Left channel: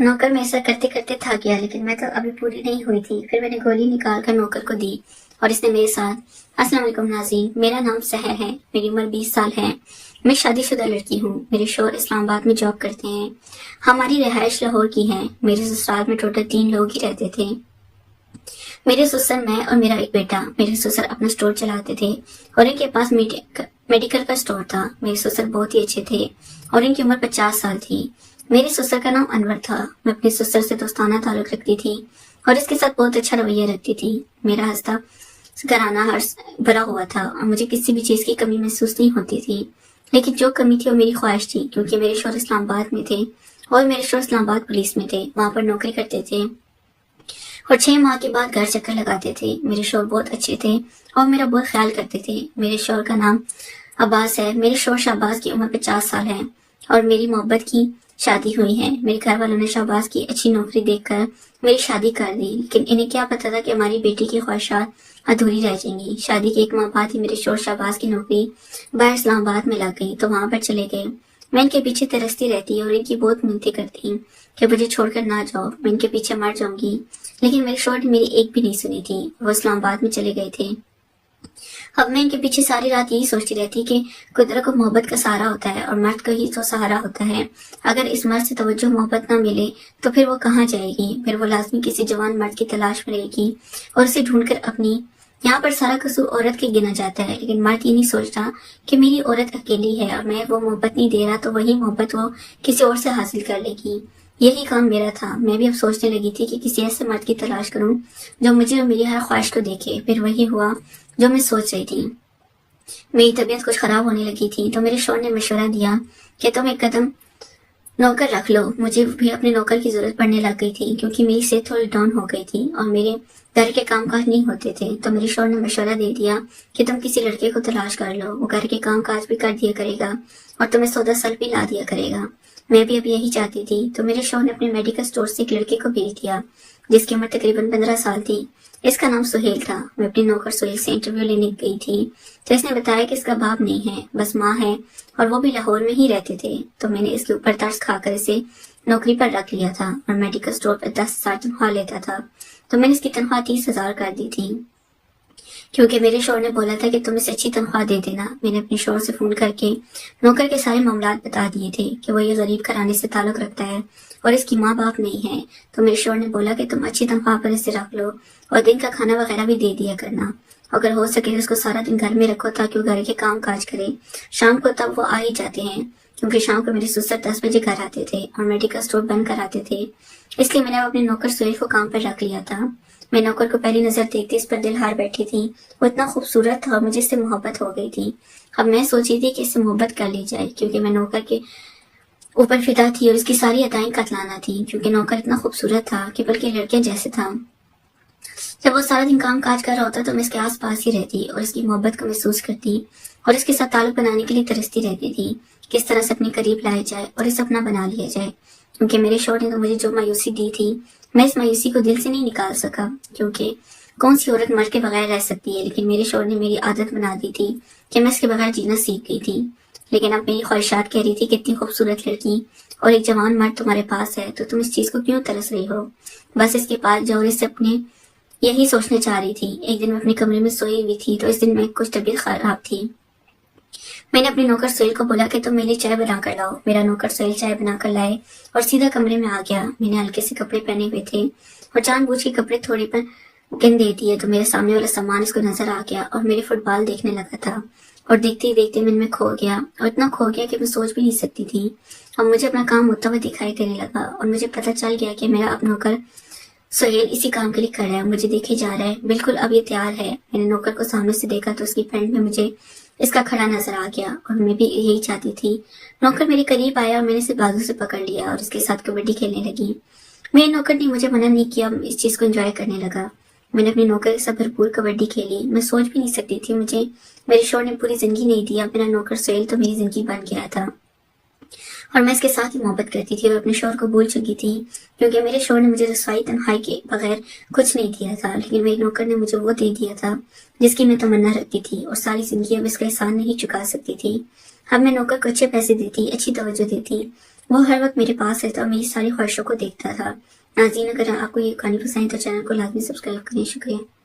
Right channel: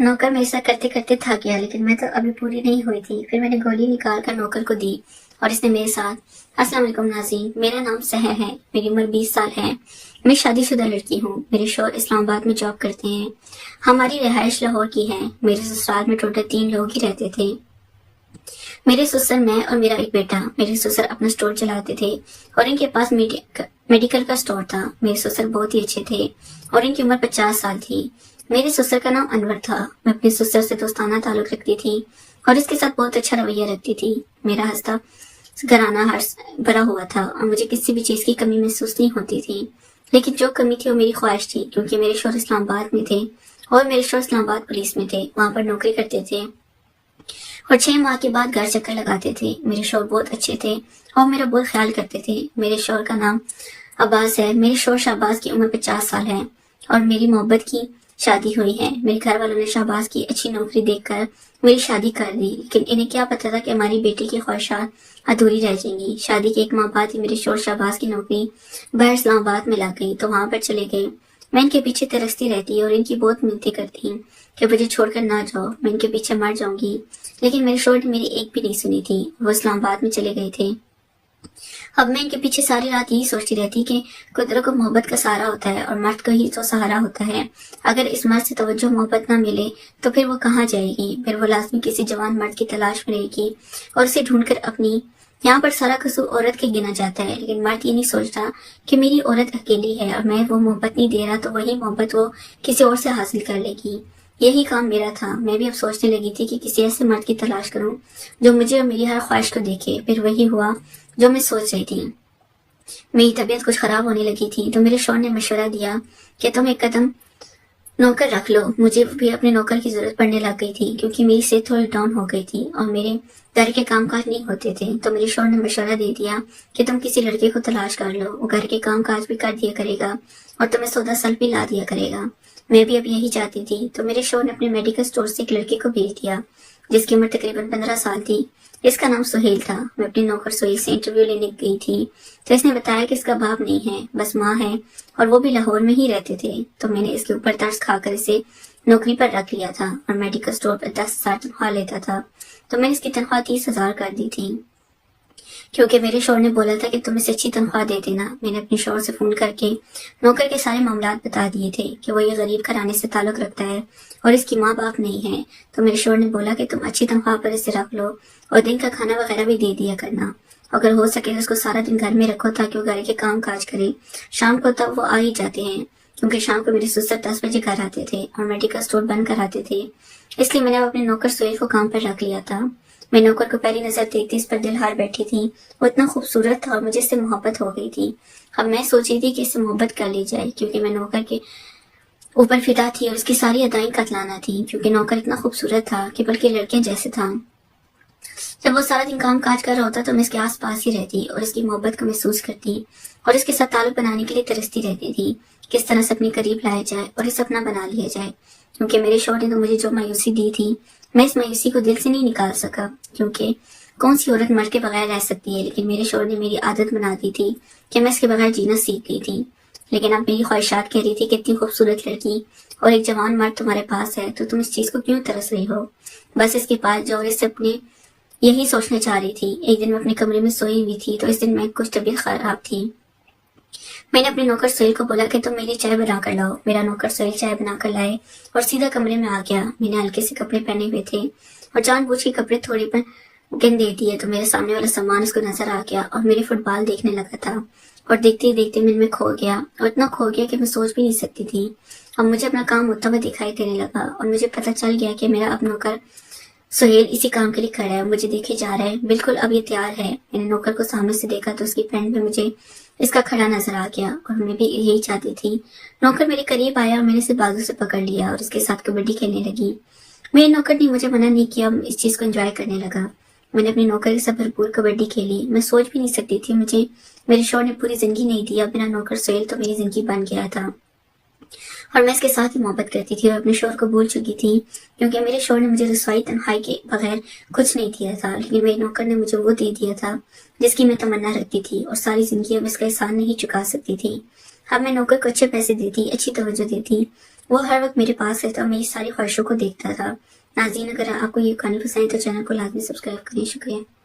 नौकर मेरे साथ करते करते थक गया, लेकिन मैं तो अभी पूरी नहीं हुई थी। फिर मैंने गोली निकाल कर नौकर को दी और इसने मेरे साथ। अस्सलाम वालेकुम नाज़रीन, मेरा नाम सहर है, मेरी उम्र 20 साल है। मैं शादीशुदा लड़की हूँ। मेरे शौहर इस्लामाबाद में जॉब करते हैं। हमारी रिहाइश लाहौर की है। मेरे ससुराल में टोटल 3 लोग ही रहते थे। मेरे ससुर, मैं और मेरा एक बेटा। मेरे ससुर अपना स्टोर चलाते थे और इनके पास मेडिकल का स्टोर था। मेरे ससुर बहुत ही अच्छे थे और इनकी उम्र 50 साल थी। मेरे ससुर का नाम अनवर था। मैं अपने ससुर से दोस्ताना ताल्लुक रखती थी और इसके साथ बहुत अच्छा रवैया रखती थी। मेरा हंसता घराना हर भरा हुआ था और मुझे किसी भी चीज की कमी महसूस नहीं होती थी। लेकिन जो कमी थी वो मेरी ख्वाहिश थी, क्योंकि मेरे शौहर इस्लामाबाद में थे और मेरे शौहर इस्लामाबाद पुलिस में थे, वहां पर नौकरी करते थे और 6 माह के बाद घर चक्कर लगाते थे। मेरे शौहर बहुत अच्छे थे और मेरा बहुत ख्याल करते थे। मेरे शौहर का नाम अब्बास है। मेरे शौहर शहबाज की उम्र 50 साल है और मेरी मोहब्बत की शादी हुई है। मेरे घर वालों ने शहबाज की अच्छी नौकरी देखकर मेरी शादी कर दी, लेकिन इन्हें क्या पता था कि हमारी बेटी की ख्वाहिशात अधूरी रह जाएंगी। शादी के 1 माह बाद ही मेरे शौहर शहबाज की नौकरी बाहर इस्लामाबाद में लग गई, तो वहां पर चले गए। मैं इनके पीछे तरसती रहती और इनकी बहुत मिन्नतें करती कि मुझे छोड़कर ना जाओ, मैं इनके पीछे मर जाऊंगी। लेकिन मेरे शौहर ने मेरी एक भी नहीं सुनी थी। वो इस्लामाबाद में चले गए थे। अब मैं इनके पीछे सारी रात यही सोचती रहती कि कुदरत को मोहब्बत का सहारा होता है और मर्द का ही तो सहारा होता है। अगर इस मर्द से तवज्जो मोहब्बत ना मिले तो फिर वो कहाँ जाएगी। फिर वो लाजमी किसी जवान मर्द की तलाश में रहेगी और उसे ढूंढकर अपनी। यहाँ पर सारा कसूर औरत के गिना जाता है, लेकिन मर्द ये नहीं सोचता कि मेरी औरत अकेली है और मैं वो मोहब्बत नहीं दे रहा तो वही मोहब्बत वो किसी और से हासिल कर लेगी। यही काम मेरा था। मैं भी अब सोचने लगी थी कि किसी ऐसे मर्द की तलाश करूं जो मुझे और मेरी हर ख्वाहिश को देखे। फिर वही हुआ जो मैं सोच रही थी। मेरी तबीयत कुछ खराब होने लगी थी, तो मेरे शौहर ने मशवरा दिया कि तुम एक कदम नौकर रख लो। मुझे भी अपने नौकर की जरूरत पड़ने लग गई थी, क्योंकि मेरी सेहत थोड़ी डाउन हो गई थी और मेरे घर के कामकाज नहीं होते थे। तो मेरे शौहर ने मशवरा दे दिया कि तुम किसी लड़के को तलाश कर लो, वो घर के कामकाज भी कर दिया करेगा और तुम्हें सौदा सल्फ भी ला दिया करेगा। मैं भी अब यही चाहती थी, तो मेरे शौहर ने अपने मेडिकल स्टोर से एक लड़के को भेज दिया जिसकी उम्र तकरीबन 15 साल थी। इसका नाम सुहेल था। मैं अपने नौकर सुहेल से इंटरव्यू लेने गई थी, तो इसने बताया कि इसका बाप नहीं है, बस माँ है और वो भी लाहौर में ही रहते थे। तो मैंने इसके ऊपर तरस खाकर इसे नौकरी पर रख लिया था और मेडिकल स्टोर पर 10,000 तनख्वाह लेता था। तो मैंने इसकी तनख्वाह 30,000 कर दी थी, क्योंकि मेरे शौहर ने बोला था कि तुम इसे अच्छी तनख्वाह दे देना। मैंने अपने शौहर से फोन करके नौकर के सारे मामलात बता दिए थे कि वो ये गरीब घराने से ताल्लुक रखता है और इसकी माँ बाप नहीं है। तो मेरे शौहर ने बोला कि तुम अच्छी तनख्वाह पर इसे रख लो और दिन का खाना वगैरह भी दे दिया करना। अगर हो सके उसको सारा दिन घर में रखो ताकि वो घर के काम काज करे। शाम को तब वो आ ही जाते हैं, क्योंकि शाम को मेरे ससुर 10 बजे घर आते थे और मेडिकल स्टोर बंद कर आते थे। इसलिए मैंने अपने नौकर सुहेल को काम पर रख लिया था। मैं नौकर को पहली नजर देखती इस पर दिल हार बैठी थी। वो इतना खूबसूरत था और मुझे इससे मोहब्बत हो गई थी। अब मैं सोची थी कि इससे मोहब्बत कर ली जाए, क्योंकि मैं नौकर के ऊपर फिदा थी और इसकी सारी अदाएं कतलाना थी, क्योंकि नौकर इतना खूबसूरत था कि बल्कि लड़कियां जैसे था। जब वो सारा दिन काम काज कर रहा होता तो मैं इसके आस पास ही रहती और इसकी मोहब्बत को महसूस करती और इसके साथ ताल्लुक बनाने के लिए तरसती रहती थी, किस तरह से अपने करीब लाया जाए और इसे अपना बना लिया जाए। क्योंकि मेरे शौहर ने तो मुझे जो मायूसी दी थी, मैं इस मायूसी को दिल से नहीं निकाल सका, क्योंकि कौन सी औरत मर के बगैर रह सकती है। लेकिन मेरे शौहर ने मेरी आदत बना दी थी कि मैं इसके बगैर जीना सीख गई थी। लेकिन अब मेरी ख्वाहिशात कह रही थी कि इतनी खूबसूरत लड़की और एक जवान मर्द तुम्हारे पास है, तो तुम इस चीज को क्यों तरस रही हो। बस इसके पास जाओ। इससे अपने यही सोचना चाह रही थी। एक दिन मैं अपने कमरे में सोई हुई थी, तो इस दिन मैं कुछ तबीयत खराब थी। मैंने अपने नौकर सुहेल को बोला कि तुम मेरे लिए चाय बना कर लाओ। मेरा नौकर सुहेल चाय बना कर लाए और सीधा कमरे में आ गया। मैंने हल्के से कपड़े पहने हुए थे और जानबूझ के कपड़े थोड़े पर गंदे दिए, तो मेरे सामने वाला सामान इसको नजर आ गया और मेरे फुटबॉल देखने लगा था और देखते ही देखते मैं इनमें खो गया और इतना खो गया कि मैं सोच भी नहीं सकती थी। अब मुझे अपना काम होता हुआ दिखाई देने लगा और मुझे पता चल गया कि मेरा अब नौकर सुहेल इसी काम के लिए खड़ा है, मुझे देखे जा रहा है। बिल्कुल अब ये तैयार है। मैंने नौकर को सामने से देखा तो उसकी पैंट में मुझे इसका खड़ा नजर आ गया और मैं भी यही चाहती थी। नौकर मेरे करीब आया और मैंने इसे बाजू से पकड़ लिया और इसके साथ कबड्डी खेलने लगी। मेरे नौकर ने मुझे मना नहीं किया, इस चीज को एंजॉय करने लगा। मैंने अपने नौकर से भरपूर कबड्डी खेली। मैं सोच भी नहीं सकती थी, मुझे मेरे शौहर ने पूरी जिंदगी नहीं दिया। मेरा नौकर सुहेल तो मेरी जिंदगी बन गया था और मैं इसके साथ ही मोहब्बत करती थी और अपने शौहर को भूल चुकी थी, क्योंकि मेरे शौहर ने मुझे रसवाई तन्हाई के बगैर कुछ नहीं दिया था। लेकिन मेरे नौकर ने मुझे वो दे दिया था जिसकी मैं तमन्ना रखती थी और सारी जिंदगी अब इसका एहसान नहीं चुका सकती थी। अब मैं नौकर को अच्छे पैसे देती, अच्छी तवज्जो देती, وہ ہر وقت میرے پاس رہتا اور میری ساری خواہشوں کو دیکھتا تھا۔ ناظرین، اگر آپ کو یہ کہانی پسند ہے تو چینل کو لازمی سبسکرائب کریں۔ شکریہ۔